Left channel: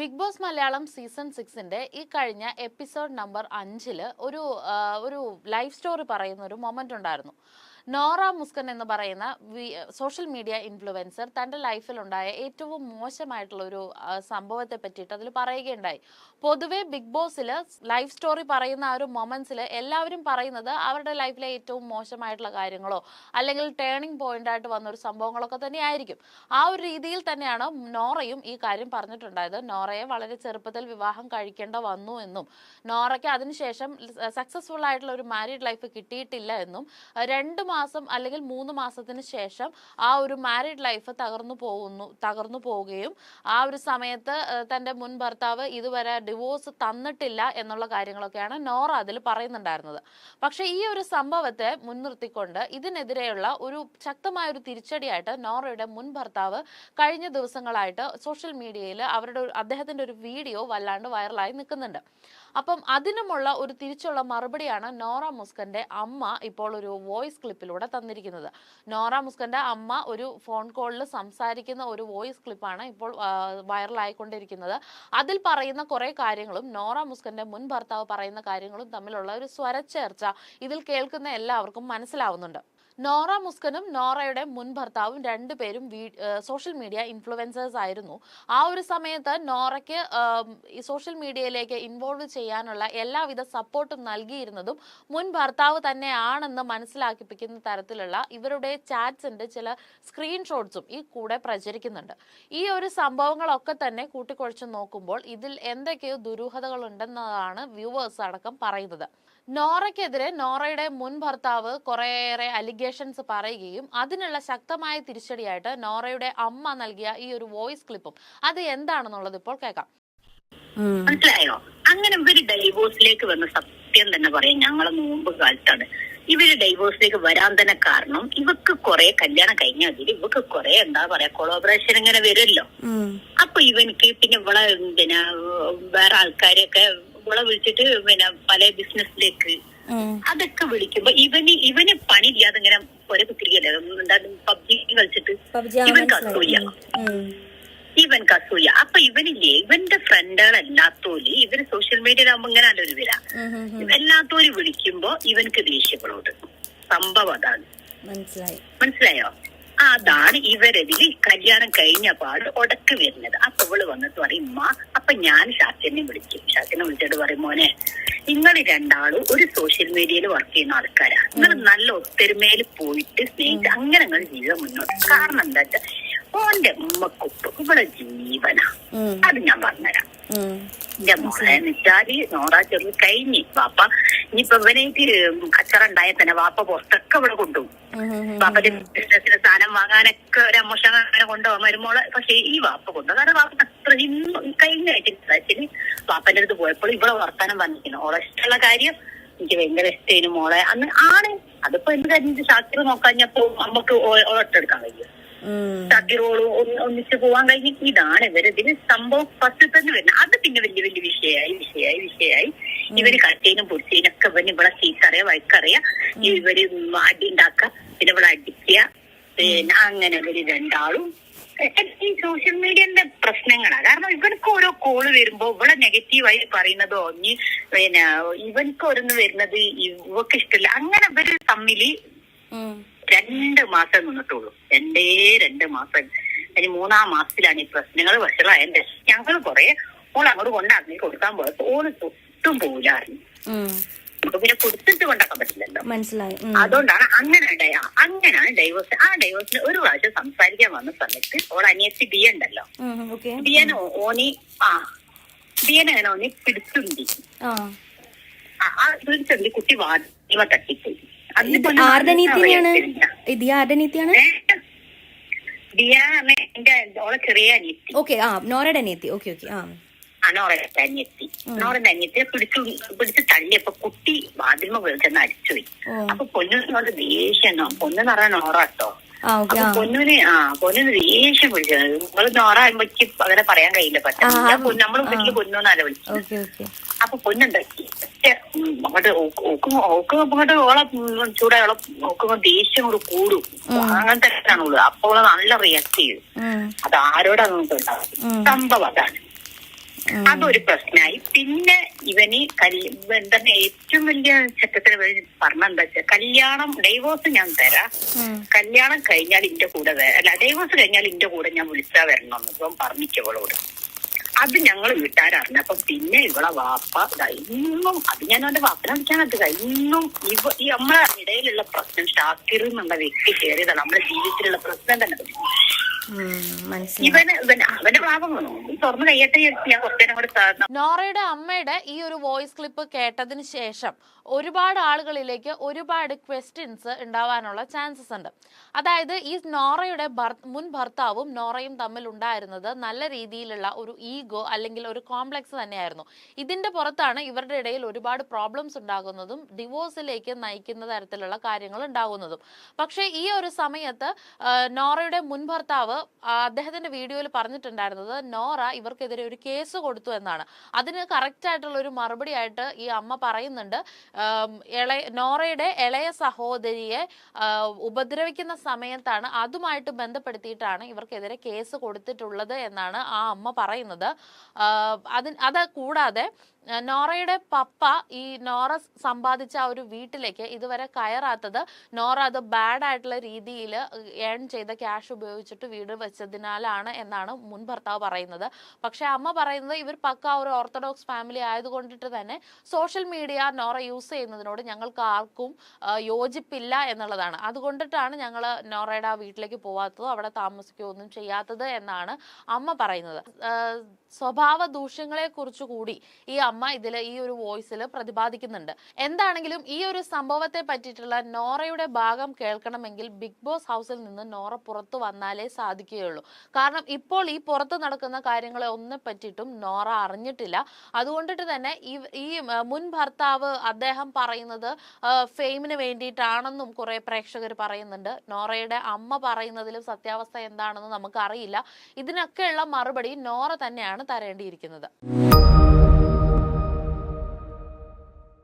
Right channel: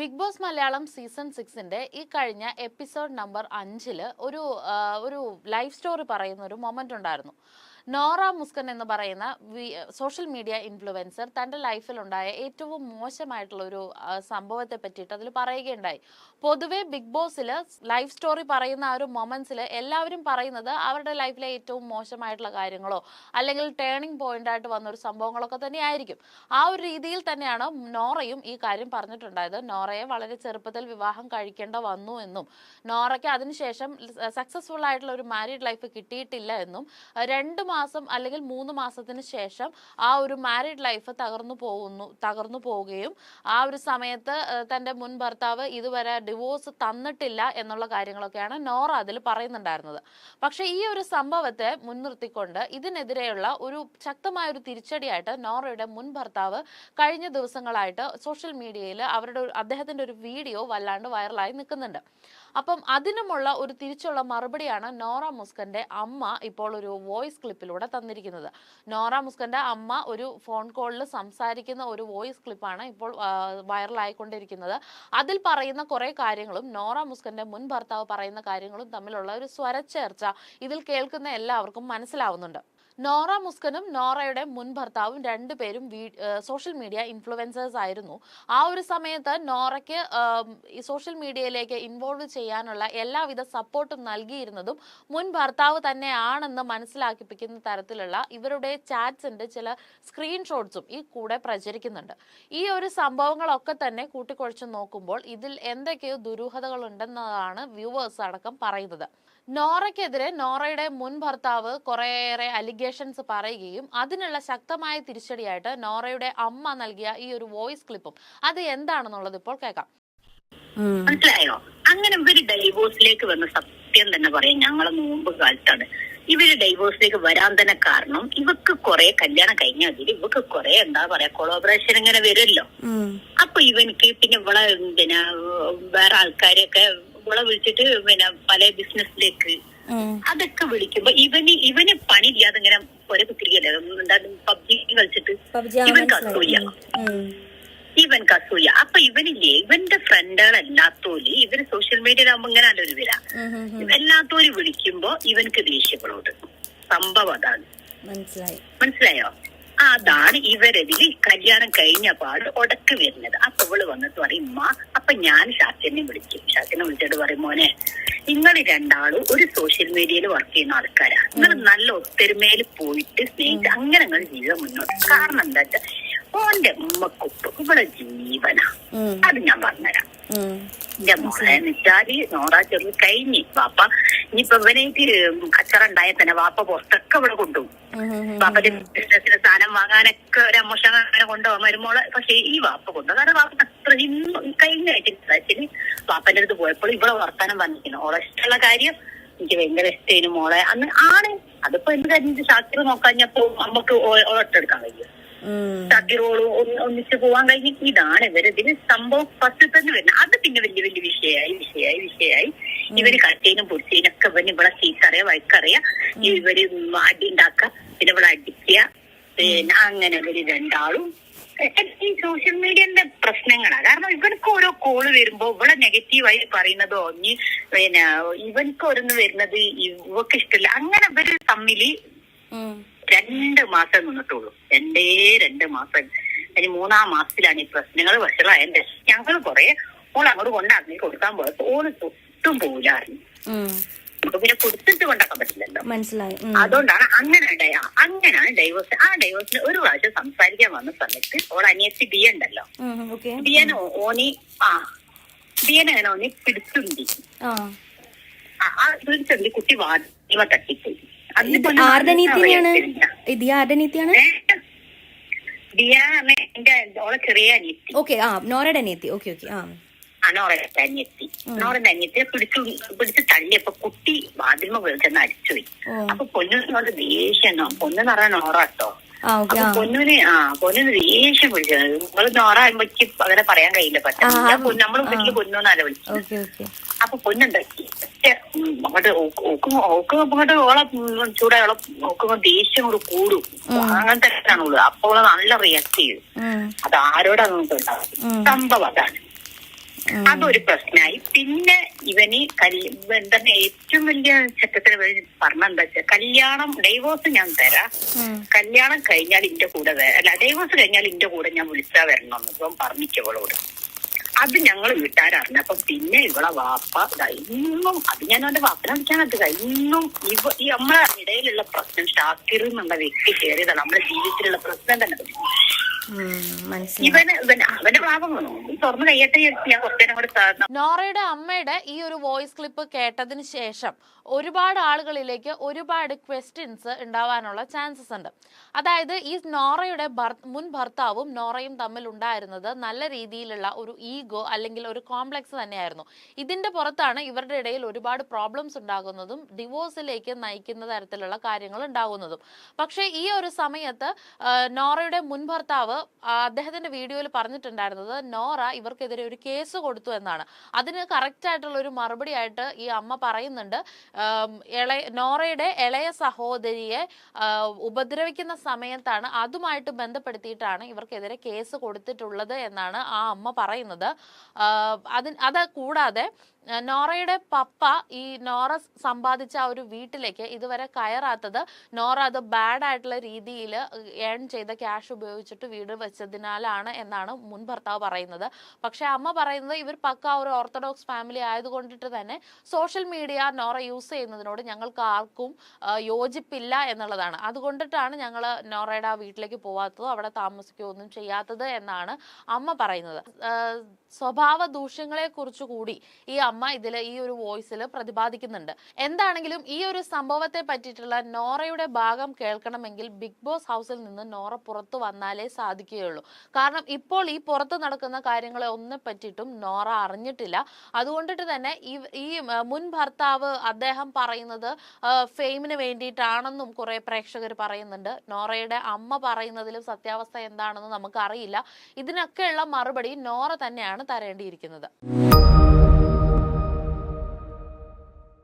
Big boss Malayalam season 6ന്റെ ഈ കഴിഞ്ഞ episode number 5 ഒരു ലൈഫ് സ്റ്റോറി പറയുന്ന ഒരു മൊമെന്റ് ഉണ്ടായിരുന്നു. നോറ മുസ്കൻ എന്ന് പറയുന്ന സോഷ്യൽ മീഡിയ ഇൻഫ്ലുവൻസർ തൻ്റെ ലൈഫിലുണ്ടായ ഏറ്റവും മോശമായിട്ടുള്ള ഒരു സംഭവത്തെ പറ്റിയിട്ട് അതിൽ പറയുകയുണ്ടായി. പൊതുവെ ബിഗ് ബോസിൽ ലൈഫ് സ്റ്റോറി പറയുന്ന ആ ഒരു മൊമെന്റ്സിൽ എല്ലാവരും പറയുന്നത് അവരുടെ ലൈഫിലെ ഏറ്റവും മോശമായിട്ടുള്ള കാര്യങ്ങളോ അല്ലെങ്കിൽ ടേണിംഗ് പോയിന്റ് ആയിട്ട് വന്ന ഒരു സംഭവങ്ങളൊക്കെ തന്നെയായിരിക്കും. ആ ഒരു രീതിയിൽ തന്നെയാണ് നോറയും ഈ കാര്യം പറഞ്ഞിട്ടുണ്ടായത്. നോറയെ വളരെ ചെറുപ്പത്തിൽ വിവാഹം കഴിക്കേണ്ട വന്നു എന്നും നോറയ്ക്ക് അതിനുശേഷം സക്സസ്ഫുൾ ആയിട്ടുള്ള ഒരു മാരീഡ് ലൈഫ് കിട്ടിയിട്ടില്ല എന്നും 2 മാസം അല്ലെങ്കിൽ 3 മാസത്തിന് ശേഷം ആ ഒരു മാരീഡ് ലൈഫ് തകർന്നു പോവുകയും ആ ഒരു സമയത്ത് തൻ്റെ മുൻ ഭർത്താവ് ഇതുവരെ ഡിവോഴ്സ് തന്നിട്ടില്ല എന്നുള്ള കാര്യങ്ങളൊക്കെയാണ് നോറ അതിൽ പറയുന്നുണ്ടായിരുന്നത്. പക്ഷേ ഈ ഒരു സംഭവത്തെ മുൻനിർത്തിക്കൊണ്ട് ഇതിനെതിരെയുള്ള ഒരു ശക്തമായ ഒരു തിരിച്ചടിയായിട്ട് നോറയുടെ മുൻ ഭർത്താവ് കഴിഞ്ഞ ദിവസങ്ങളായിട്ട് സോഷ്യൽ മീഡിയയിൽ അദ്ദേഹത്തിന്റെ ഒരു വീഡിയോ വല്ലാണ്ട് വൈറലായി നിൽക്കുന്നുണ്ട്. അപ്പം അതിനുമുള്ള ഒരു തിരിച്ചുള്ള മറുപടിയാണ് നോറ മുസ്കന്റെ അമ്മ ഇപ്പോൾ ഒരു വോയിസ് ക്ലിപ്പിലൂടെ തന്നിരിക്കുന്നത്. നോറ മുസ്കന്റെ അമ്മ ഒരു ഫോൺ കോളിൽ സംസാരിക്കുന്ന ഒരു വോയിസ് ക്ലിപ്പാണ് ഇപ്പോൾ വൈറലായിക്കൊണ്ടിരിക്കുന്നത്. അതിൽ പറയുന്ന കുറെ കാര്യങ്ങളും നോറ മുസ്കന്റെ മുൻ ഭർത്താവ് പറയുന്ന കാര്യങ്ങളും തമ്മിലുള്ള ഒരു സ്വരച്ചേർച്ച ഇതിൽ കേൾക്കുന്ന എല്ലാവർക്കും മനസ്സിലാവുന്നുണ്ട്. നോറ മുസ്കനും നോറയുടെ മുൻ ഭർത്താവും രണ്ടുപേരും സോഷ്യൽ മീഡിയ ഇൻഫ്ലുവൻസേഴ്സ് ആയിരുന്നു. ആ ഒരു സമയത്ത് നോറയ്ക്ക് ഈ സോഷ്യൽ മീഡിയയിലേക്ക് ഇൻവോൾവ് ചെയ്യാനുള്ള എല്ലാവിധ സപ്പോർട്ടും നൽകിയിരുന്നതും മുൻ ഭർത്താവ് തന്നെയാണെന്ന് മനസ്സിലാക്കിപ്പിക്കുന്ന തരത്തിലുള്ള ഇവരുടെ ചാറ്റ്സിന്റെ ചില സ്ക്രീൻഷോട്ട്സും ഈ കൂടെ പ്രചരിക്കുന്നുണ്ട്. ഈ ഒരു സംഭവങ്ങളൊക്കെ തന്നെ കൂട്ടിക്കുഴച്ച് നോക്കുമ്പോൾ ഇതിൽ എന്തൊക്കെയോ ദുരൂഹതകൾ ഉണ്ടെന്നതാണ് വ്യൂവേഴ്സ് അടക്കം പറയുന്നത്. നോറയ്ക്കെതിരെ നോറയുടെ മുൻ ഭർത്താവ് കുറേയേറെ അലിഗേഷൻസ് പറയുകയും അതിനുള്ള ശക്തമായ തിരിച്ചടിയായിട്ട് നോറയുടെ അമ്മ നൽകിയ ഈ ഒരു വോയിസ് ക്ലിപ്പും അത് എന്താണെന്നുള്ളത് ഇപ്പോൾ കേൾക്കാം. മനസ്സിലായോ? അങ്ങനെ ഇവര് ഡൈവോഴ്സിലേക്ക് വന്ന സത്യം തന്നെ പറയാം, ഞങ്ങളെ മുമ്പ് കാലത്താണ് ഇവര് ഡൈവോഴ്സിലേക്ക് വരാൻ തന്നെ കാരണം ഇവക്ക് കുറെ കല്യാണം കഴിഞ്ഞ അതിൽ ഇവക്ക് കുറെ എന്താ പറയാ കൊളാബറേഷൻ ഇങ്ങനെ വരുമല്ലോ. അപ്പൊ ഇവനിക്ക് പിന്നെ ഇവിടെ പിന്നെ വേറെ ആൾക്കാരെയൊക്കെ ഇവിടെ വിളിച്ചിട്ട് പിന്നെ പല ബിസിനസ്സിലേക്ക് അതൊക്കെ വിളിക്കുമ്പോ ഇവന് പണിയില്ലാതെ ഇങ്ങനെ ഒരേ കുത്തിരിക്കല്ലേ പബ്ജി കളിച്ചിട്ട് ഇവൻ കസൂയ. അപ്പൊ ഇവനില്ലേ ഇവന്റെ ഫ്രണ്ടുകളല്ലാത്തോല് ഇവര് സോഷ്യൽ മീഡിയയിലാകുമ്പോ ഇങ്ങനെ അല്ലൊരു വില എല്ലാത്തോര് വിളിക്കുമ്പോ ഇവനക്ക് ദേഷ്യങ്ങളോട് സംഭവം അതാണ്. മനസ്സിലായോ? അതാണ് ഇവരതില് കല്യാണം കഴിഞ്ഞ പാട് ഉടക്ക് വരുന്നത്. അപ്പൊ ഇവള് വന്നിട്ട് പറയും അപ്പൊ ഞാൻ ഷാക്കിനെ വിളിച്ചിട്ട് പറയും, മോനെ നിങ്ങൾ രണ്ടാളും ഒരു സോഷ്യൽ മീഡിയയിൽ വർക്ക് ചെയ്യുന്ന ആൾക്കാരാണ്, നിങ്ങൾ നല്ല ഒത്തൊരുമയിൽ പോയിട്ട് സ്നേഹിച്ച് അങ്ങനെ നിങ്ങൾ ജീവിതം മുന്നോട്ട്. കാരണം എന്താ വെച്ചാൽ ഓന്റെ ഉമ്മക്കൊപ്പ് ഇവിടെ ജീവനാ. അത് ഞാൻ പറഞ്ഞുതരാം. എന്റെ മോളെ വെച്ചാല് നോറാ ചെറു കഴിഞ്ഞ് വാപ്പ ഇനിയിപ്പൊ ഇവനേക്ക് കച്ചറ ഉണ്ടായ തന്നെ വാപ്പ പുറത്തൊക്കെ ഇവിടെ കൊണ്ടുപോകും. വാപ്പന്റെ ബിസിനസ്സിന് സാധനം വാങ്ങാനൊക്കെ ഒരു അമ്മോഷം അങ്ങനെ കൊണ്ടുപോകാൻ വരുമ്പോളെ. പക്ഷെ ഈ വാപ്പ കൊണ്ടുപോകും കാരണം വാപ്പ അത്ര കഴിഞ്ഞ ആഴ്ചന് വാപ്പന്റെ അടുത്ത് പോയപ്പോൾ ഇവിടെ വർത്താനം പറഞ്ഞിരിക്കുന്നു. ഓളെ ഇഷ്ടമുള്ള കാര്യം എനിക്ക് ഭയങ്കര ഇഷ്ടമായിരുന്നു മോളെ അന്ന് ആണ്. അതിപ്പോ എന്ത് കാര്യം ശാസ്ത്രം നോക്കാഞ്ഞപ്പോ നമുക്ക് ഒട്ടെടുക്കാൻ കഴിയും. ഷാക്കിറോള് ഒന്നിച്ച് പോവാൻ കഴിഞ്ഞ് ഇതാണ് ഇവരിതിന് സംഭവം ഫസ്റ്റ് തന്നെ വരുന്നത്. അത് പിന്നെ വലിയ വലിയ വിഷയായി ഇവര് കട്ടേനും പൊടിച്ചതിനൊക്കെ ഇവന് ഇവിടെ ചീത്തറിയാ വഴക്കറിയാ ഇവര് അടി ഉണ്ടാക്കുക പിന്നെ ഇവിടെ അടിക്കുക പിന്നെ അങ്ങനെ ഇവര് രണ്ടാളും ഈ സോഷ്യൽ മീഡിയന്റെ പ്രശ്നങ്ങളാണ്. കാരണം ഇവർക്ക് ഓരോ കോള് വരുമ്പോ ഇവിടെ നെഗറ്റീവായി പറയുന്നതോ പിന്നെ ഇവർക്ക് ഓരോന്ന് വരുന്നത് ഇവക്ക് ഇഷ്ടമില്ല. അങ്ങനെ ഇവര് തമ്മില് 2 മാസം നിന്നിട്ടുള്ളൂ. 2 മാസം. അതിന് 3-ാം മാസത്തിലാണ് ഈ പ്രശ്നങ്ങൾ വഷളായതിന്റെ. ഞങ്ങൾ കുറെ ഓൾ അങ്ങോട്ട് കൊണ്ടാക്കി കൊടുക്കാൻ പോയപ്പോ ഓള് തൊട്ടും പോലായിരുന്നു. നമുക്ക് പിന്നെ കൊടുത്തിട്ട് കൊണ്ടാക്കാൻ പറ്റില്ലല്ലോ. മനസ്സിലായി. അതുകൊണ്ടാണ് അങ്ങനെയാണ് ഡൈവോഴ്സ്. ആ ഡൈവോഴ്സിന് ഒരു പ്രാവശ്യം സംസാരിക്കാൻ വന്ന സമയത്ത് ഓൾ അനിയത്തി ബിയ ഉണ്ടല്ലോ, ബിയനെ ഓനി പിടിച്ചുണ്ടി പിടിച്ചുണ്ടി കുട്ടി വാദിമ തട്ടിപ്പോയി. ഓളെ ചെറിയ അനിയത്തി നോറയുടെ അനിയത്തി നോറയുടെ അനിയത്തിയെ പിടിച്ച് തള്ളിയപ്പോ കുട്ടി വാതിൽമ വിളിച്ചെന്ന് അടിച്ചുപോയി. അപ്പൊ പൊന്നിനോട് ദേഷ്യം, പൊന്നെന്ന് പറയാൻ നോറാട്ടോ. അപ്പൊ പൊന്നിന് ദേഷ്യം വിളിച്ചത്. നിങ്ങൾ നോറ ആകുമ്പോഴേക്ക് അങ്ങനെ പറയാൻ കഴിയില്ല. പക്ഷെ നമ്മള് വീട്ടില് പൊന്നോന്നല്ല വിളിച്ചത്. അപ്പൊ പൊന്നുണ്ടാക്കി അങ്ങോട്ട് അങ്ങോട്ട് ഓളെ ചൂടായോളം നോക്കുമ്പോ ദേഷ്യം കൂടെ കൂടും. അങ്ങനത്തെ ആണുള്ളൂ. അപ്പോൾ നല്ല റിയാക്ട് ചെയ്യും. അത് ആരോടാ നോക്കുന്നുണ്ടാവും. സംഭവം അതാണ്. അതൊരു പ്രശ്നമായി. പിന്നെ ഇവന് എന്താ ഏറ്റവും വലിയ ചെക്കത്തിന് പറഞ്ഞെന്താ വെച്ചാൽ കല്യാണം ഡൈവോഴ്സ് ഞാൻ തരാം, കല്യാണം കഴിഞ്ഞാൽ ഇന്റെ കൂടെ അല്ല ഡൈവോഴ്സ് കഴിഞ്ഞാൽ ഇന്റെ കൂടെ ഞാൻ വിളിച്ചാ വരണമെന്ന് ഇപ്പം പറഞ്ഞിക്കവളോട്. അത് ഞങ്ങൾ വീട്ടുകാരറിഞ്ഞപ്പം പിന്നെ ഇവളെ വാപ്പ ഇന്നും അത് ഞാൻ അവന്റെ വാപ്പനെ വിളിക്കാനത് ഇന്നും ഈ നമ്മളെ ഇടയിലുള്ള പ്രശ്നം ഷാക്കിർ എന്നുള്ള വ്യക്തി കയറിയതാണ് നമ്മുടെ ജീവിതത്തിലുള്ള പ്രശ്നം തന്നെ. അവന്റെ ഭാഗം തുറന്നു കയ്യട്ടെ ഞാൻ കുറച്ചേരം കൂടെ. നോറയുടെ അമ്മയുടെ ഈ ഒരു വോയിസ് ക്ലിപ്പ് കേട്ടതിന് ശേഷം ഒരുപാട് ആളുകളിലേക്ക് ഒരുപാട് ക്വസ്റ്റ്യൻസ് ഉണ്ടാവാനുള്ള ചാൻസസ് ഉണ്ട്. അതായത് ഈ നോറയുടെ മുൻ ഭർത്താവും നോറയും തമ്മിൽ ഉണ്ടായിരുന്നത് നല്ല രീതിയിലുള്ള ഒരു ഈഗോ അല്ലെങ്കിൽ ഒരു കോംപ്ലക്സ് തന്നെയായിരുന്നു. ഇതിന്റെ പുറത്താണ് ഇവരുടെ ഇടയിൽ ഒരുപാട് പ്രോബ്ലംസ് ഉണ്ടാകുന്നതും ഡിവോഴ്സിലേക്ക് നയിക്കുന്ന തരത്തിലുള്ള കാര്യങ്ങൾ ഉണ്ടാകുന്നതും. പക്ഷേ ഈ ഒരു സമയത്ത് നോറയുടെ മുൻ ഭർത്താവ് അദ്ദേഹത്തിന്റെ വീഡിയോയിൽ പറഞ്ഞിട്ടുണ്ടായിരുന്നത് നോറ ഇവർക്കെതിരെ ഒരു കേസ് കൊടുത്തു എന്നാണ്. അതിന് കറക്റ്റ് ആയിട്ടുള്ള ഒരു മറുപടി ആയിട്ട് ഈ അമ്മ പറയുന്നുണ്ട്, നോറയുടെ ഇളയ സഹോദരിയെ ഉപദ്രവിക്കുന്ന സമയത്താണ് അതുമായിട്ട് ബന്ധപ്പെടുത്തിയിട്ടാണ് ഇവർക്കെതിരെ കേസ് കൊടുത്തിട്ടുള്ളത് എന്നാണ് ആ അമ്മ പറയുന്നത്. അത് കൂടാതെ നോറയുടെ പപ്പ ഈ നോറ സമ്പാദിച്ച ആ ഒരു വീട്ടിലേക്ക് ഇതുവരെ കയറാത്തത് നോറ അത് ബാഡ് ആയിട്ടുള്ള രീതിയിൽ ഏൺ ചെയ്ത ക്യാഷ് ഉപയോഗിച്ചിട്ട് വീട് വെച്ചതിനാലാണ് എന്നാണ് മുൻ ഭർത്താവ് പറയുന്നത്. പക്ഷെ അമ്മ പറയുന്നത് ഇവർ പക്ക ഒരു ഓർത്തഡോക്സ് ഫാമിലി ആയതുകൊണ്ടിട്ട് തന്നെ സോഷ്യൽ മീഡിയ നോറ യൂസ് ചെയ്യുന്നതിനോട് ഞങ്ങൾക്ക് ആർക്കും യോജിപ്പില്ല എന്നുള്ളതാണ്. അതുകൊണ്ടിട്ടാണ് ഞങ്ങൾ നോറയുടെ ആ വീട്ടിലേക്ക് പോവാത്തതോ അവിടെ താമസിക്കുകയൊന്നും ചെയ്യാത്തത് എന്നാണ് അമ്മ പറയുന്നത്. സ്വഭാവ ദൂഷ്യങ്ങളെ കുറിച്ച് കൂടി ഈ അമ്മ ഇതിൽ ഈ ഒരു വോയിസിൽ പ്രതിപാദിക്കുന്നുണ്ട്. എന്താണെങ്കിലും ഈ ഒരു സംഭവത്തെ പറ്റിയിട്ടുള്ള നോറയുടെ ഭാഗം കേൾക്കണമെങ്കിൽ ബിഗ് ബോസ് ഹൗസിൽ നിന്ന് നോറ പുറത്തു വന്നാലേ സാധിക്കുകയുള്ളൂ. കാരണം ഇപ്പോൾ ഈ പുറത്ത് നടക്കുന്ന കാര്യങ്ങളെ ഒന്നും പറ്റിയിട്ടും നോറ അറിഞ്ഞിട്ടില്ല. അതുകൊണ്ടിട്ട് തന്നെ ഈ മുൻ ഭർത്താവ് അദ്ദേഹം പറയുന്നത് ഫെയിമിന് വേണ്ടിയിട്ടാണെന്നും കുറെ പ്രേക്ഷകർ പറയുന്നുണ്ട്. നോറയുടെ അമ്മ പറയുന്നതിലും സത്യാവസ്ഥ എന്താണെന്ന് നമുക്ക് അറിയില്ല. ഇതിനൊക്കെയുള്ള മറുപടി നോറ തന്നെയാണ് തരേണ്ടിയിരിക്കുന്നത്.